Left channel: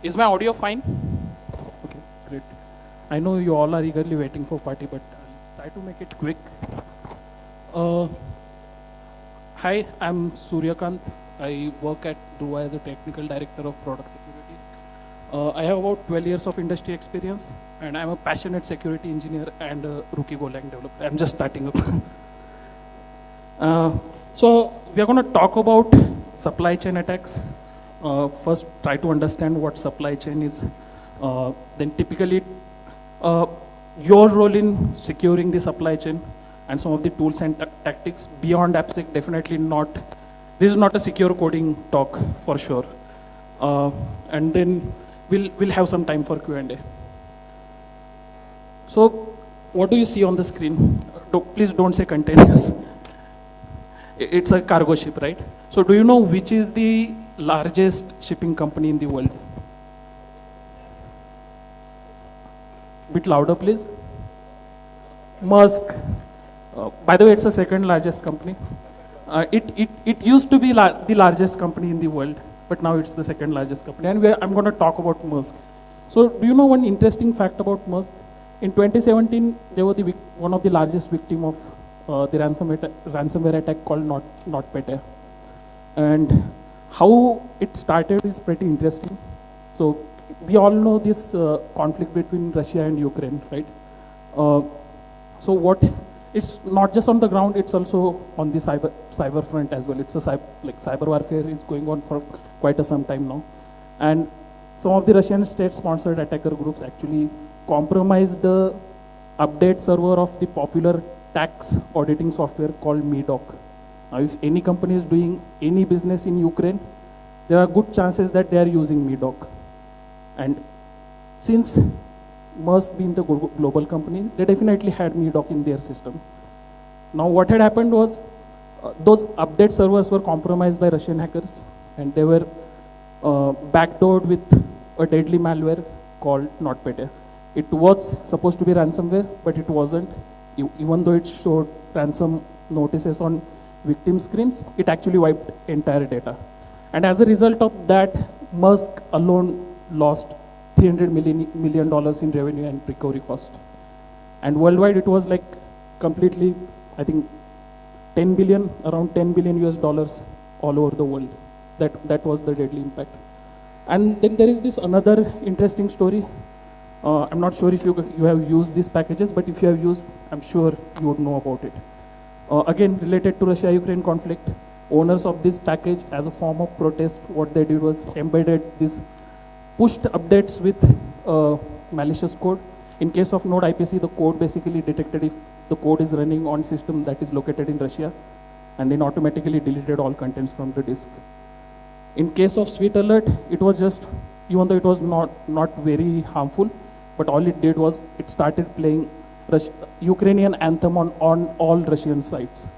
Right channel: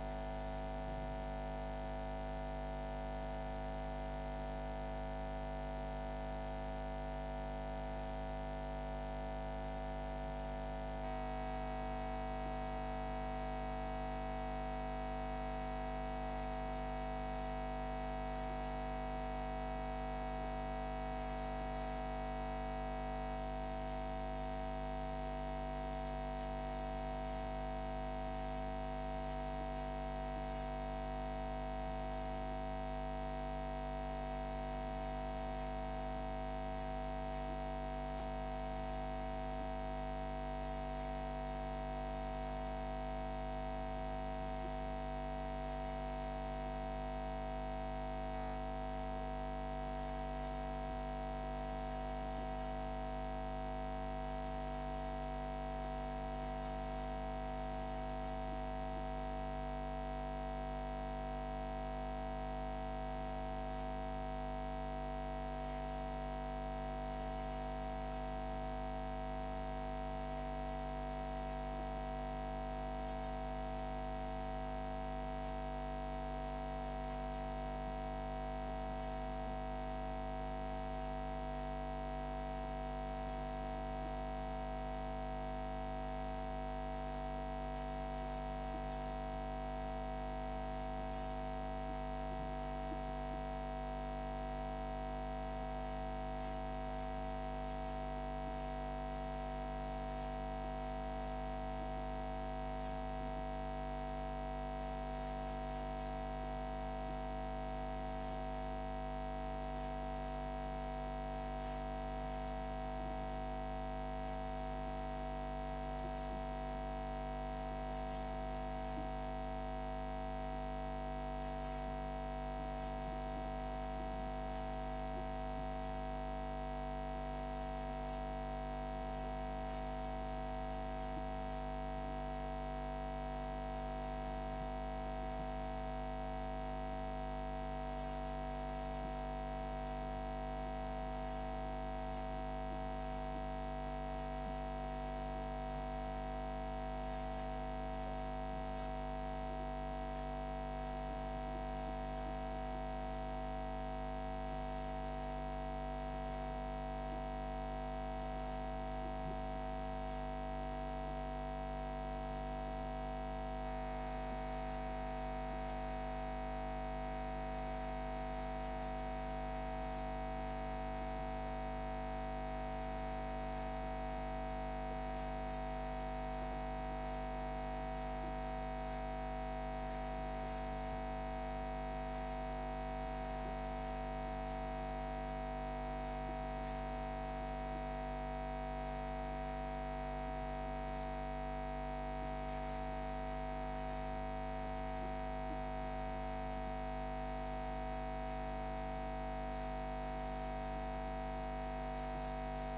Is my audio fine? Okay, great. I know you all are eagerly waiting for party, but I'll try to make it quick. Hi, I'm Suryakant. I work at Druva as a technical director of product security. I have about 12 years of industry experience, and I'm a passionate security engineer and a rookie Golang developer. I'm just starting up. So we are going to talk about supply chain attacks. First, try to understand what supply chain is. Then typically, your role in securing the supply chain and some of the tools and tactics beyond AppSec. Definitely not. This is not a secure coding talk for sure. And then we'll have some time for Q&A. So, what do you see on the screen? Please don't say containers. It's a cargo ship, right? So do you know which is the largest shipping company in the world? Bit louder, please. Maersk. By the way, it's the second largest company. It used to be the largest company in the world, but now it's the second largest company. And I'm going to talk about Maersk. So do you know one interesting fact about Maersk? In 2017, they were one of the largest victims of the ransomware attack called NotPetya. And how it started is pretty interesting. So we all know this conflict between Russia and Ukraine, right? So it's not just on the ground, it's also on the cyber front as well. It's a cyber warfare is going on for quite some time now. And some of the Russian state-sponsored attacker groups actually compromised the update server of the popular tax auditing software called MEDOC. Now, if any company is doing any business in Ukraine, there are good chances that they are using MEDOC. And since Maersk being the global company, they definitely had MEDOC in their system. Now, what had happened was those update servers were compromised by Russian hackers, and they were backdoored with a deadly malware called NotPetya. It was supposed to be ransomware, but it wasn't. Even though it showed ransom notices on victim screens, it actually wiped entire data. And as a result of that, Maersk alone lost $300 million in revenue and recovery cost. And worldwide, it was like completely, I think, around 10 billion US dollars all over the world. That was the deadly impact. And then there is this another interesting story. I'm not sure if you have used these packages, but if you have used, I'm sure you would know about it. Again, related to Russia-Ukraine conflict, owners of this package, as a form of protest, what they did was embedded these pushed updates with malicious code. In case of Node IPC, the code basically detected if the code is running on system that is located in Russia, and then automatically deleted all contents from the disk. In case of Sweet Alert, it was just, even though it was not very harmful, but all it did was it started playing Ukrainian anthem on all Russian sites,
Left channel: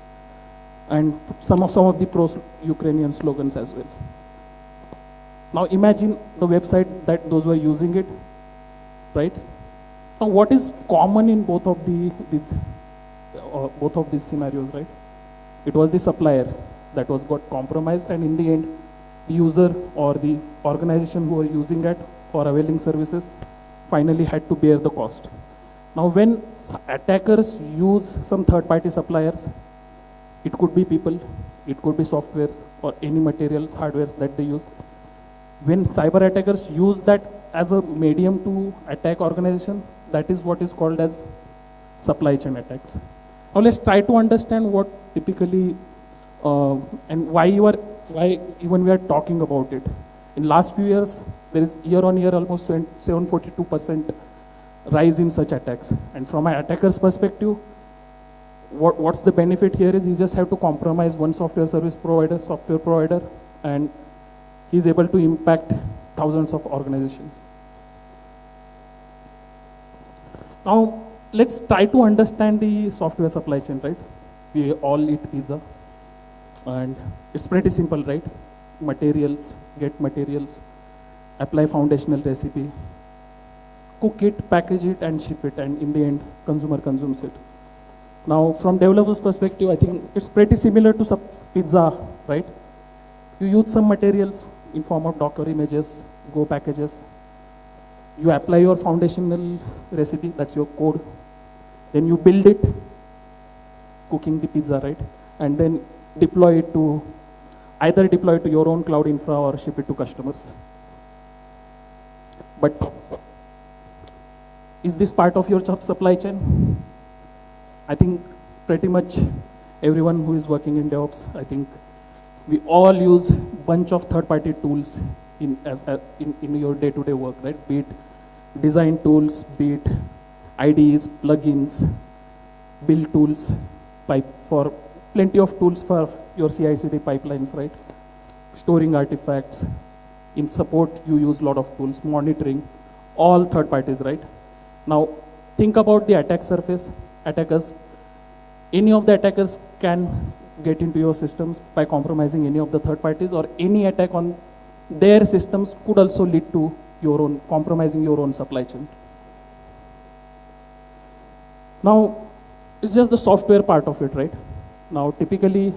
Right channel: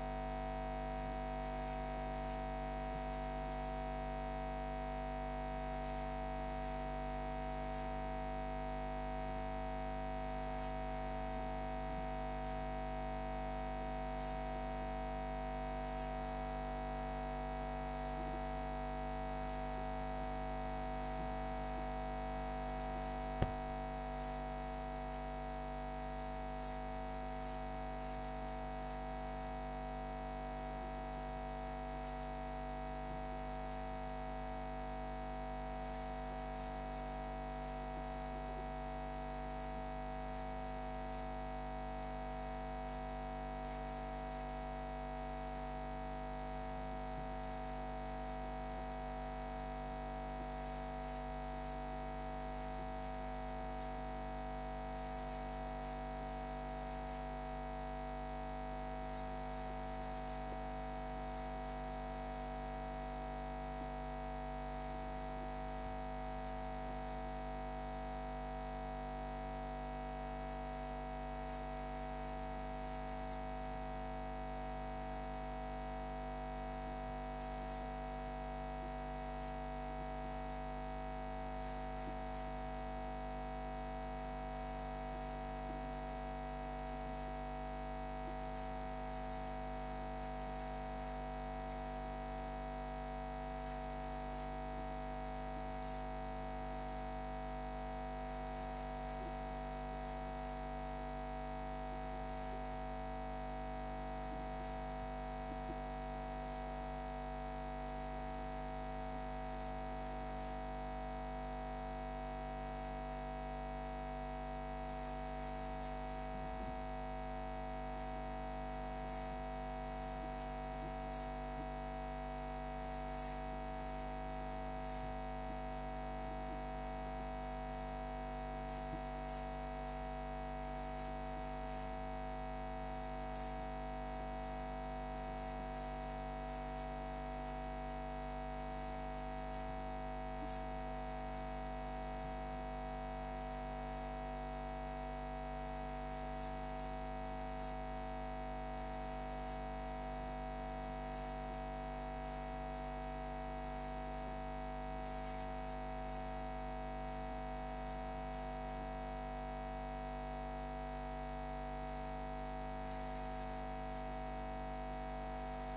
and some of the pro-Ukrainian slogans as well. Now imagine the website that those were using it, right? Now what is common in both of these scenarios, right? It was the supplier that got compromised, and in the end, the user or the organization who were using it or availing services finally had to bear the cost. Now when attackers use some third-party suppliers, it could be people, it could be softwares or any materials, hardwares that they use. When cyber attackers use that as a medium to attack organization, that is what is called as supply chain attacks. Now let's try to understand what typically and why even we are talking about it. In last few years, there is year-on-year almost 742% rise in such attacks. And from an attacker's perspective, what's the benefit here is you just have to compromise one software provider, and he's able to impact thousands of organizations. Now, let's try to understand the software supply chain, right? We all eat pizza, and it's pretty simple, right? Materials, get materials, apply foundational recipe, cook it, package it, and ship it, and in the end, consumer consumes it. Now, from developer's perspective, I think it's pretty similar to pizza, right? You use some materials in form of Docker images, Go packages. You apply your foundational recipe, that's your code. Then you build it, cooking the pizza, right? And then deploy it to, either deploy it to your own cloud infra or ship it to customers. But is this part of your supply chain? I think pretty much everyone who is working in DevOps, I think we all use bunch of third-party tools in your day-to-day work, right? Be it design tools, be it IDEs, plugins, build tools, for plenty of tools for your CI/CD pipelines, right? Storing artifacts. In support, you use a lot of tools, monitoring, all third parties, right? Now, think about the attack surface, attackers. Any of the attackers can get into your systems by compromising any of the third parties, or any attack on their systems could also lead to your own, compromising your own supply chain. Now, it's just the software part of it, right? Now, typically,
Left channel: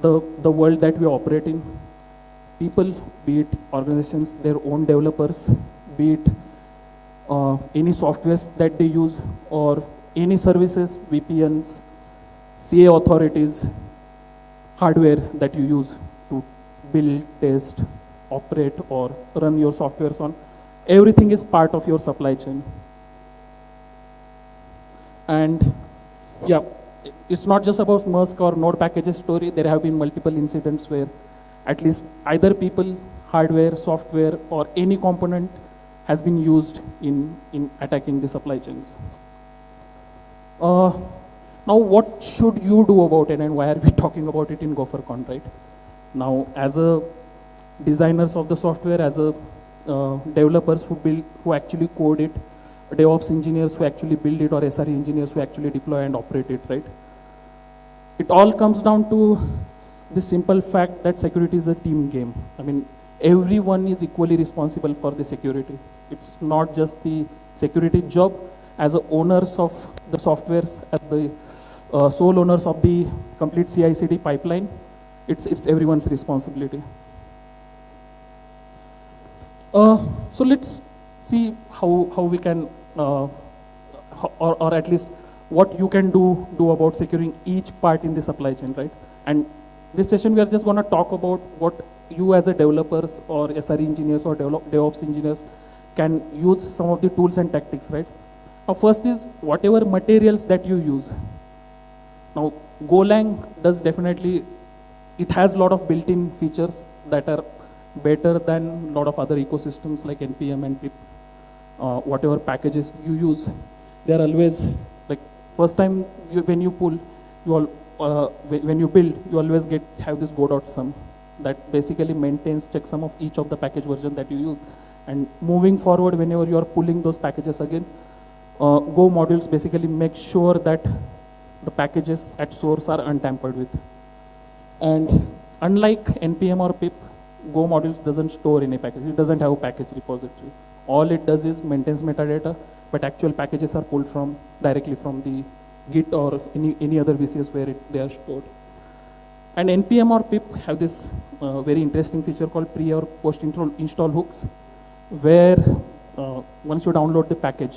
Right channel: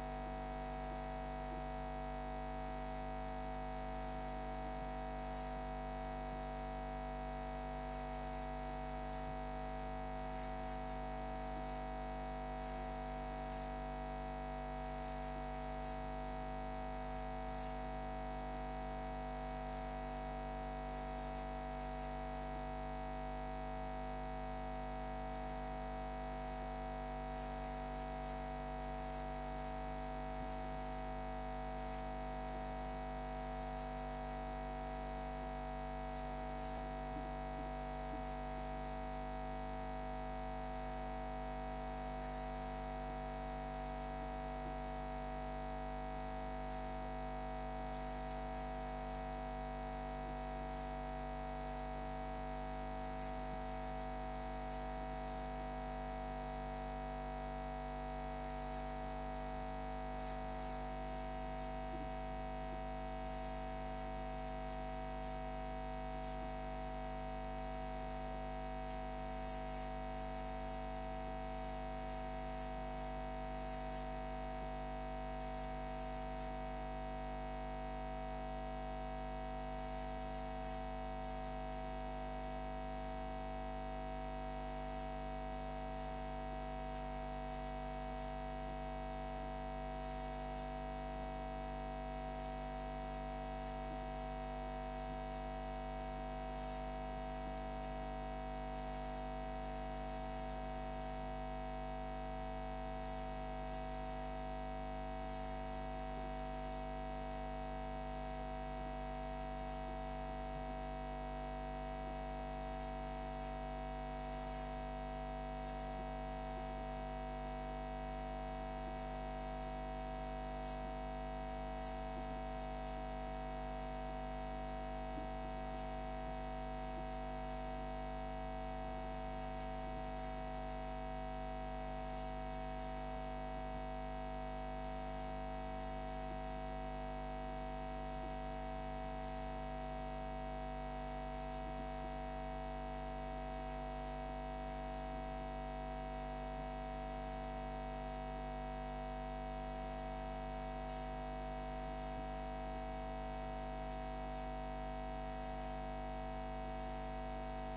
the world that we operate in, people, be it organizations, their own developers, be it any softwares that they use, or any services, VPNs, CA authorities, hardware that you use to build, test, operate, or run your softwares on, everything is part of your supply chain. And yeah, it's not just about Maersk or Node packages story. There have been multiple incidents where at least either people, hardware, software, or any component has been used in attacking the supply chains. Now, what should you do about it, and why are we talking about it in GopherCon, right? Now, as a designers of the software, as a developers who actually code it, DevOps engineers who actually build it, or SRE engineers who actually deploy and operate it, right? It all comes down to the simple fact that security is a team game. I mean, everyone is equally responsible for the security. It's not just the security job. As owners of the softwares, as the sole owners of the complete CI/CD pipeline, it's everyone's responsibility. So let's see how we can, or at least what you can do about securing each part in the supply chain, right? And this session, we are just going to talk about what you as a developers or SRE engineers or DevOps engineers can use, some of the tools and tactics, right? Now, first is whatever materials that you use. Now, Golang does definitely, it has a lot of built-in features that are better than a lot of other ecosystems like NPM and pip. Whatever packages you use, they are always, like, first time when you pull, when you build, you always have this go.sum that basically maintains checksum of each of the package version that you use. And moving forward, whenever you are pulling those packages again, Go modules basically make sure that the packages at source are untampered with. And unlike NPM or pip, Go modules doesn't store any package. It doesn't have a package repository. All it does is maintains metadata, but actual packages are pulled directly from the Git or any other VCS where they are stored. And NPM or pip have this very interesting feature called pre or post install hooks, where once you download the package,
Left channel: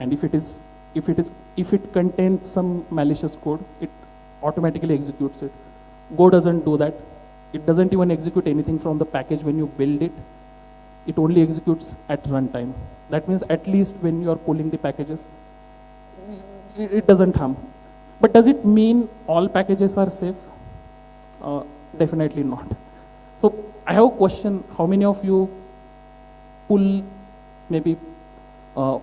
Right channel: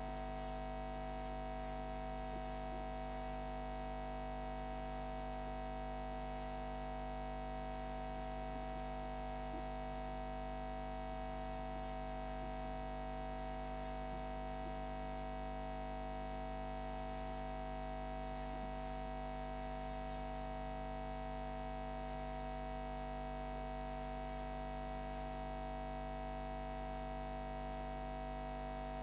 and if it contains some malicious code, it automatically executes it. Go doesn't do that. It doesn't even execute anything from the package when you build it. It only executes at runtime. That means at least when you are pulling the packages, it doesn't harm. But does it mean all packages are safe? Definitely not. So I have a question. How many of you pull maybe GitHub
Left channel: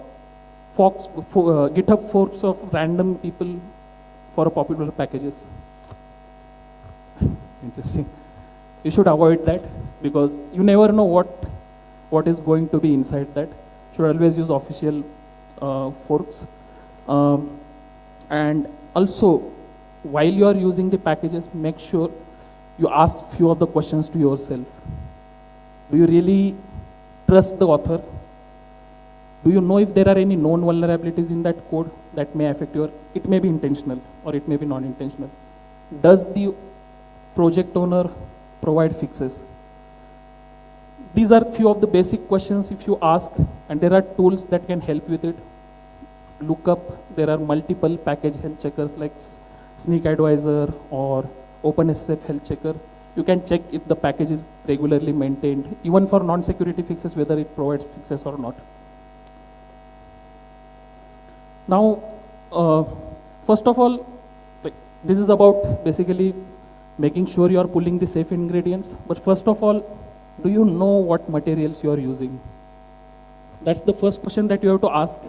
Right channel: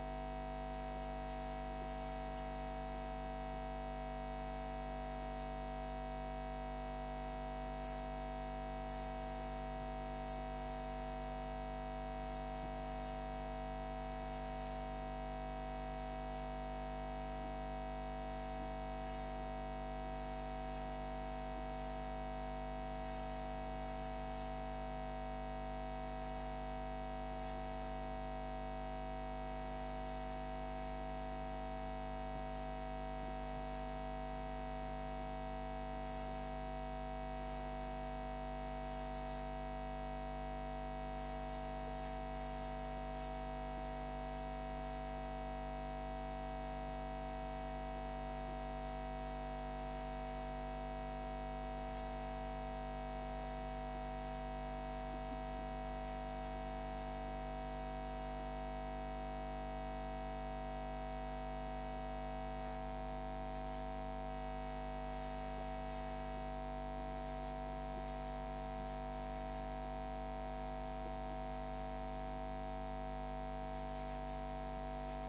forks of random people for popular packages? Interesting. You should avoid that, because you never know what is going to be inside that. You should always use official forks. And also, while you are using the packages, make sure you ask few of the questions to yourself. Do you really trust the author? Do you know if there are any known vulnerabilities in that code that may affect it may be intentional or it may be non-intentional. Does the project owner provide fixes? These are few of the basic questions if you ask, and there are tools that can help with it. Lookup, there are multiple package health checkers like Sneak Advisor or OpenSSF health checker. You can check if the package is regularly maintained, even for non-security fixes, whether it provides fixes or not. Now, first of all, this is about basically making sure you are pulling the safe ingredients. But first of all, do you know what materials you are using? That's the first question that you have to ask.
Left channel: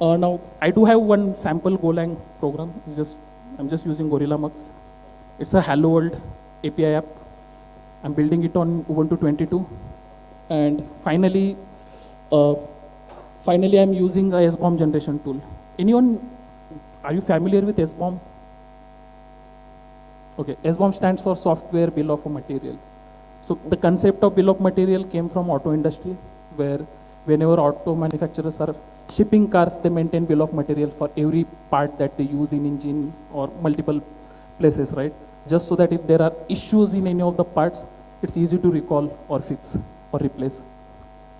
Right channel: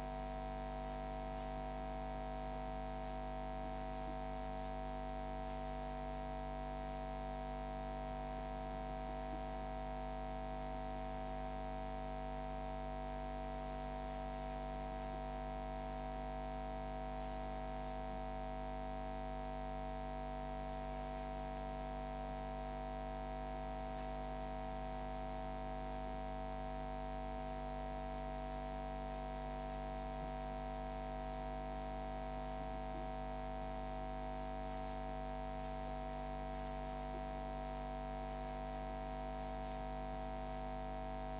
Now, I do have one sample Golang program. I'm just using Gorilla Mux. It's a Hello World API app. I'm building it on Ubuntu 22. And finally I'm using a SBOM generation tool. Anyone, are you familiar with SBOM? Okay, SBOM stands for Software Bill of Material. So the concept of bill of material came from auto industry, where whenever auto manufacturers are shipping cars, they maintain bill of material for every part that they use in engine or multiple places, right? Just so that if there are issues in any of the parts, it's easy to recall or fix or replace.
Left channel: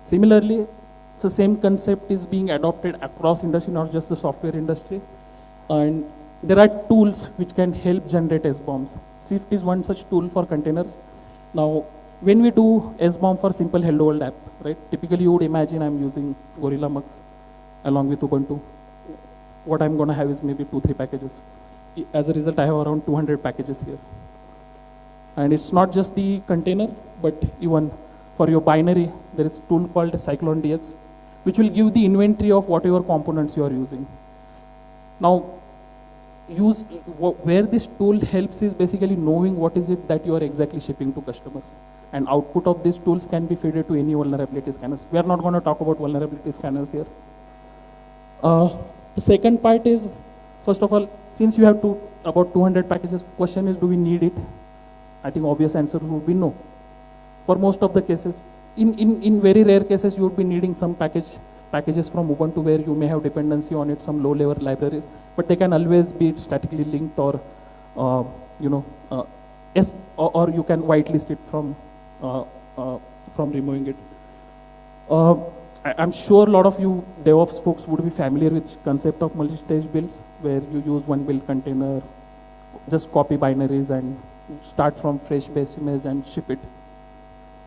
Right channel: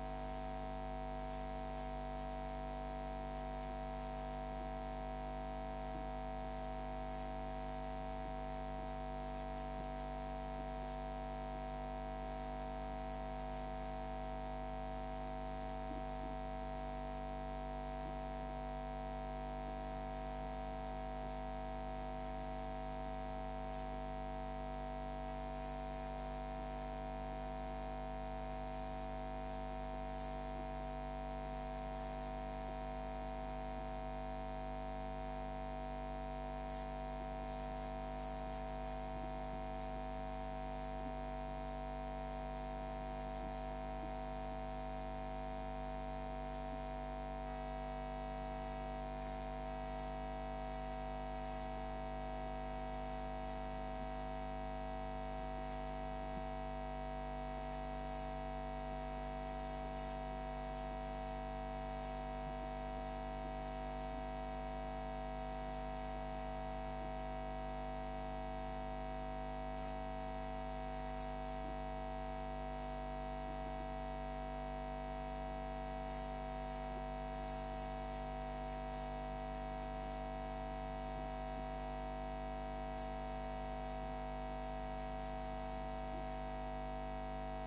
Similarly, it's the same concept is being adopted across industry, not just the software industry. And there are tools which can help generate SBOMs. Sift is one such tool for containers. Now, when we do SBOM for simple Hello World app, right? Typically, you would imagine I'm using Gorilla Mux along with Ubuntu. What I'm going to have is maybe 2-3 packages. As a result, I have around 200 packages here. And it's not just the container, but even for your binary, there is a tool called Cyclone DX, which will give the inventory of whatever components you are using. Now, where this tool helps is basically knowing what is it that you are exactly shipping to customers. And output of these tools can be fed to any vulnerability scanners. We are not going to talk about vulnerability scanners here. The second part is, first of all, since you have about 200 packages, question is, do we need it? I think obvious answer would be no. For most of the cases, in very rare cases, you would be needing some packages from Ubuntu where you may have dependency on it, some low-level libraries, but they can always be statically linked or, or you can whitelist it from removing it. I'm sure a lot of you DevOps folks would be familiar with concept of multi-stage builds, where you use one build container, just copy binaries and start from fresh base image and ship it.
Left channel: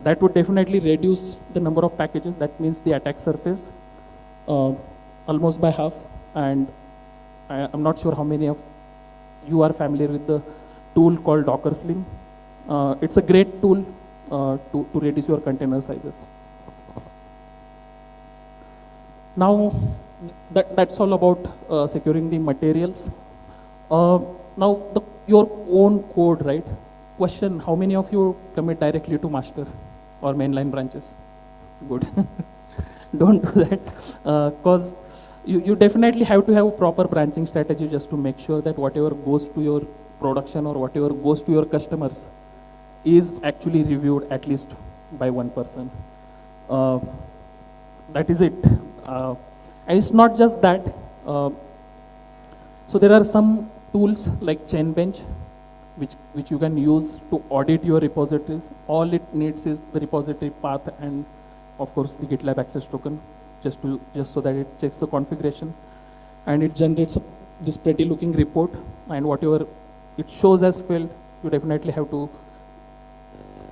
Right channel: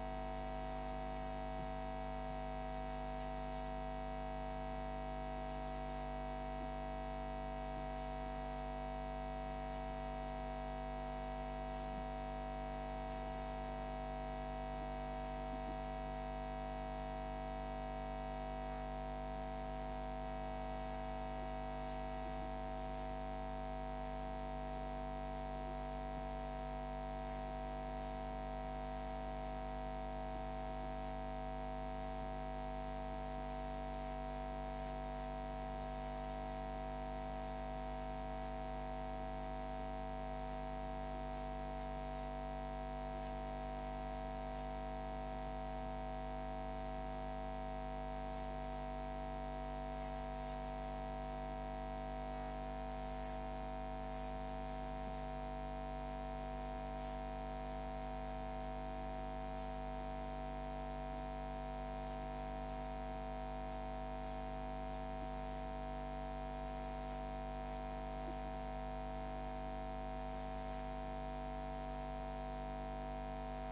That would definitely reduce the number of packages. That means the attack surface almost by half. And I'm not sure how many of you are familiar with the tool called Docker Sling. It's a great tool to reduce your container sizes. Now, that's all about securing the materials. Now, your own code, right? Question, how many of you commit directly to master or mainline branches? Good. Don't do that, because you definitely have to have a proper branching strategy just to make sure that whatever goes to your production or whatever goes to your customers is actually reviewed at least by one person. That is it. And it's not just that. So there are some tools like Chainbench, which you can use to audit your repositories. All it needs is the repository path and, of course, the GitLab access token, just so that it checks the configuration, and it generates this pretty looking report. And whatever it shows as failed, you definitely have to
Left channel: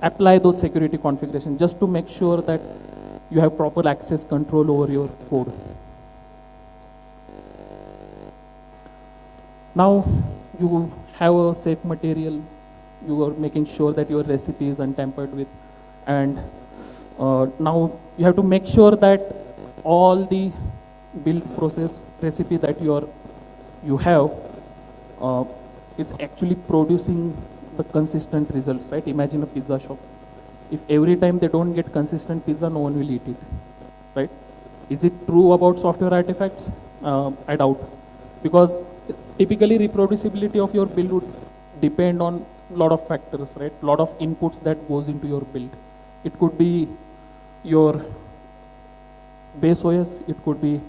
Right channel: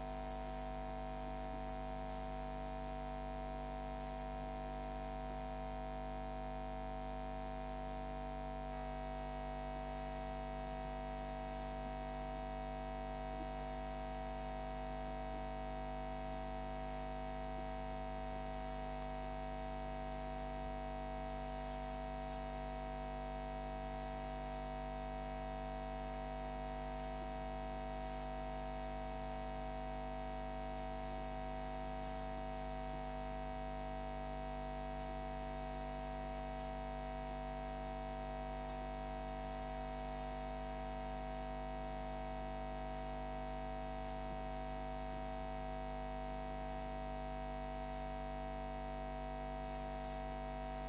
apply those security configurations just to make sure that you have proper access control over your code. Now you have a safe material, you are making sure that your recipe is untampered with, and now you have to make sure that all the build process recipe that you have it's actually producing the consistent results, right? Imagine a pizza shop. If every time they don't get consistent pizza, no one will eat it, right? Is it true about software artifacts? I doubt, because typically reproducibility of your build would depend on a lot of factors, right? A lot of inputs that goes into your build. It could be your base OS, it could be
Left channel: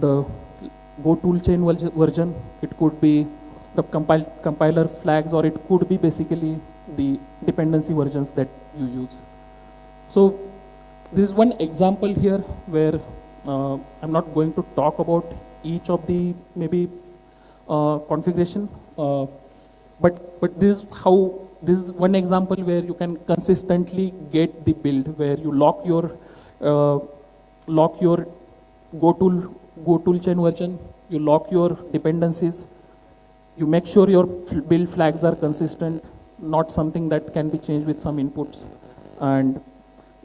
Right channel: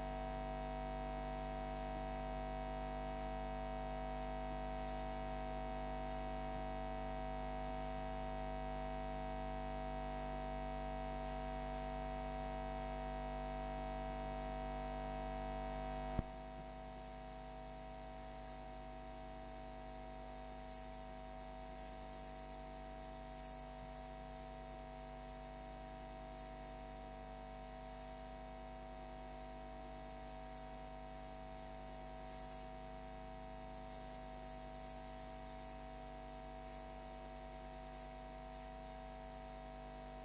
the Go toolchain version, it could be the compiler flags, or it could be basically the dependency versions that you use. So This is one example here where I'm not going to talk about each of the maybe configuration, but this is one example where you can consistently get the build where you lock your go tool chain version, you lock your dependencies, you make sure your build flags are consistent, not something that can be changed with some inputs. And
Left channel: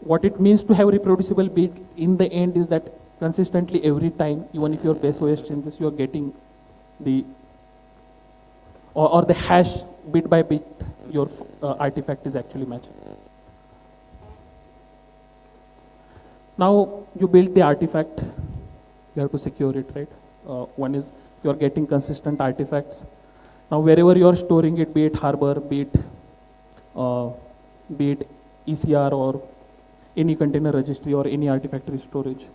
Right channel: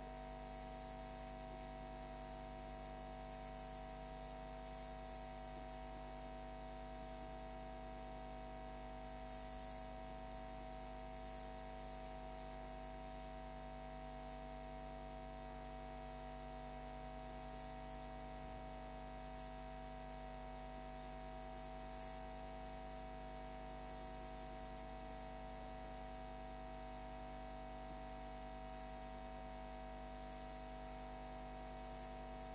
what it means to have reproducible build in the end is that consistently every time, even if your base OS changes, you are getting the or the hash bit by bit your artifact is actually matching. Now you build the artifact, you have to secure it, right? One is you are getting consistent artifacts. Now wherever you are storing it, be it Harbor, be it ECR or any container registry or any artifactory storage.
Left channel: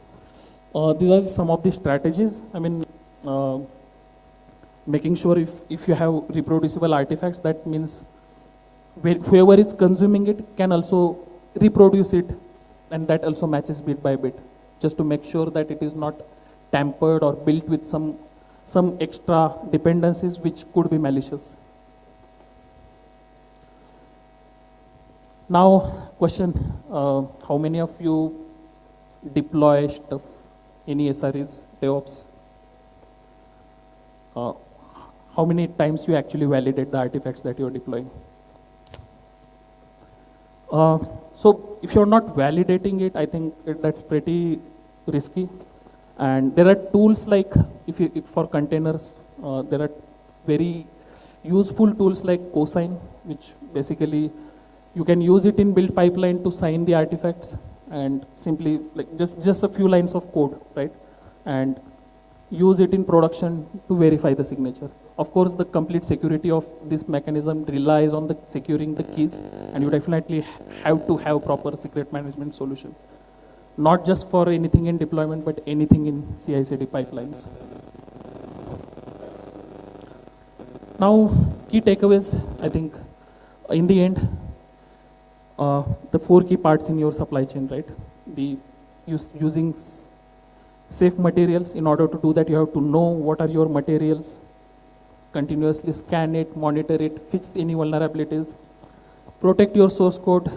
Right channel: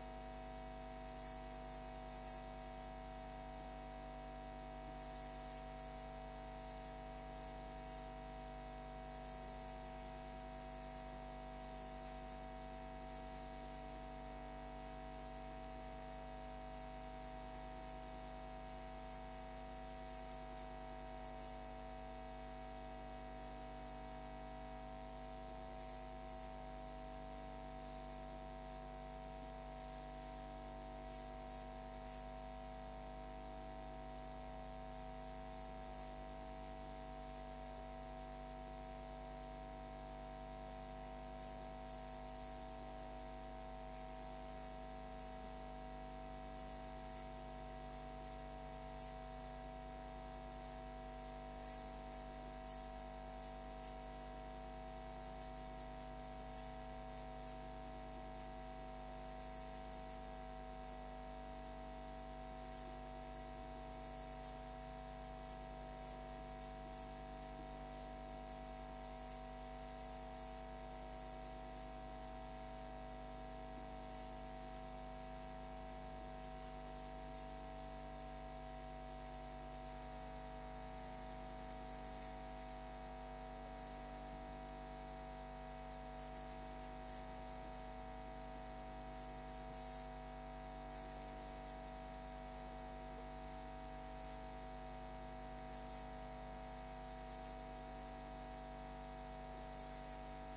These are some of the strategies. I mean, making sure if you have reproducible artifacts, that means whoever is consuming it can also reproduce it, and that also matches bit by bit, just to make sure that it is not tampered or built with some extra dependencies which could be malicious. Now, question, how many of you deploy stuff, any SREs, DevOps? How many times you actually validate the artifacts that you're deploying? So if you're not validating it, I think that's pretty risky. And there are tools like, if for containers, there are very useful tools like Cosign, which basically you can use it in build pipeline to sign the artifacts and simply like just a few lines of code, right? And use it in production to verify the signature. Of course, the complete security of this mechanism relies on the securing the keys, and you definitely have to have proper secret management solution. Not just for anything in deployment, but anything in CI/CD pipelines. Now, key takeaways, I think, in the end, the 4 key parts in your supply chain, right? Using safe materials. In order to do that, you have to know what are your materials, continuously scan it, monitor it, fix any vulnerabilities, protect your source code,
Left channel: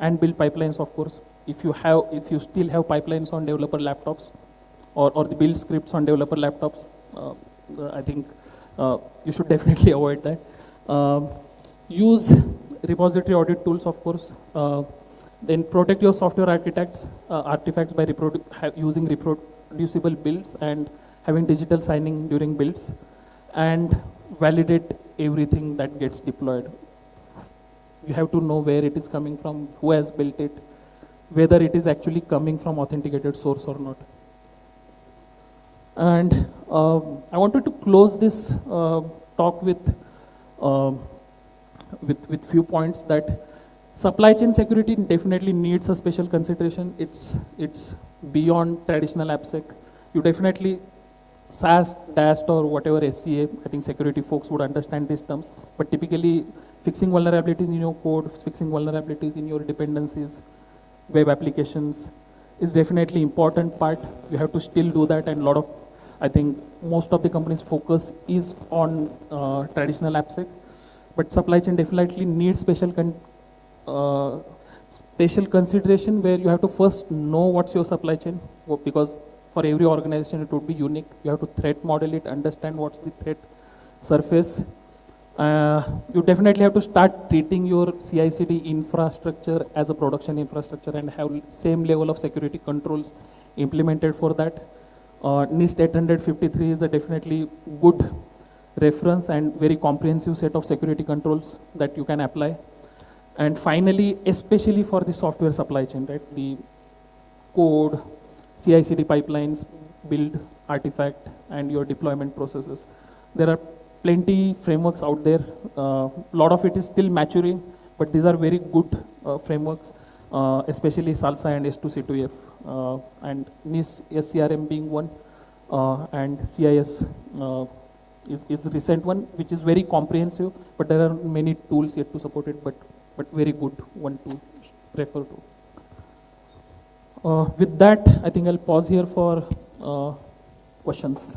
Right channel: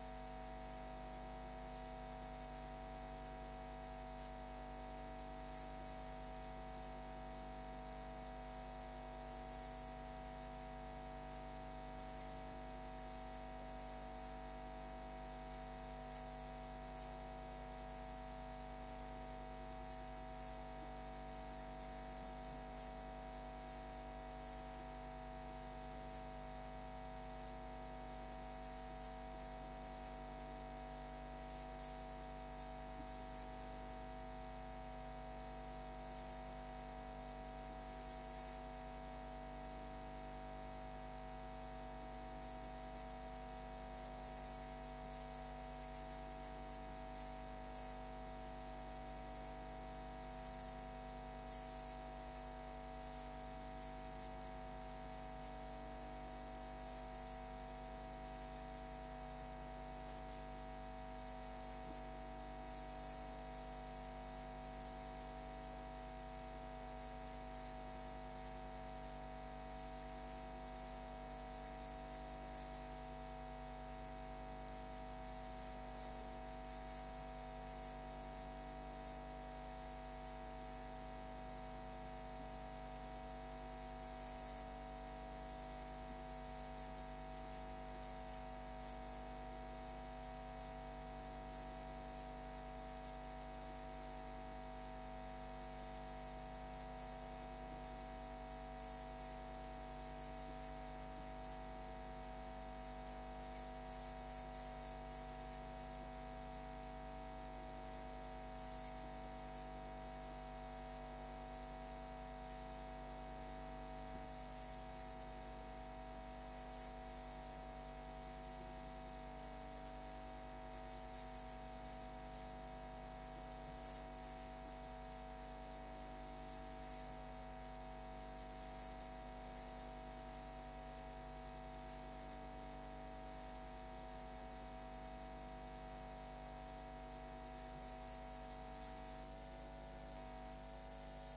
and build pipelines, of course. If you still have pipelines on developer laptops or the build scripts on developer laptops, I think you should definitely avoid that. Use repository audit tools, of course. Then protect your software artifacts by using reproducible builds and having digital signing during builds, and validate everything that gets deployed. You have to know where it is coming from, who has built it, whether it is actually coming from authenticated source or not. And I wanted to close this talk with few points that supply chain security definitely needs a special consideration. It's beyond traditional AppSec. You definitely SAST, DAST, or whatever SCA, I think security folks would understand these terms, but typically fixing vulnerabilities in your code, fixing vulnerabilities in your dependencies, web applications is definitely important part. You have to still do that, and I think most of the companies' focus is on traditional AppSec, but supply chain definitely needs special consideration where you have to first know what's your supply chain, because for every organization it would be unique. You have to threat model it, understand what's the threat surface. You definitely have to start treating your CI/CD infrastructure as a production infrastructure and have same level of security controls implemented for that. NIST 853 is a definitely good reference and very comprehensive set of security controls that you can apply. And finally, especially for the software supply chain, right? The code, CI/CD pipelines, build, artifact, and your deployment processes. There are plenty frameworks out there. A lot of it is still maturing, but these are very good frameworks, especially SALSA and S2C2F, and NIST SCRM being one, and CIS is a recent one, which is very comprehensive, but there are many tools yet to support it, but very good one to refer to. With that, I think I'll pause here for questions.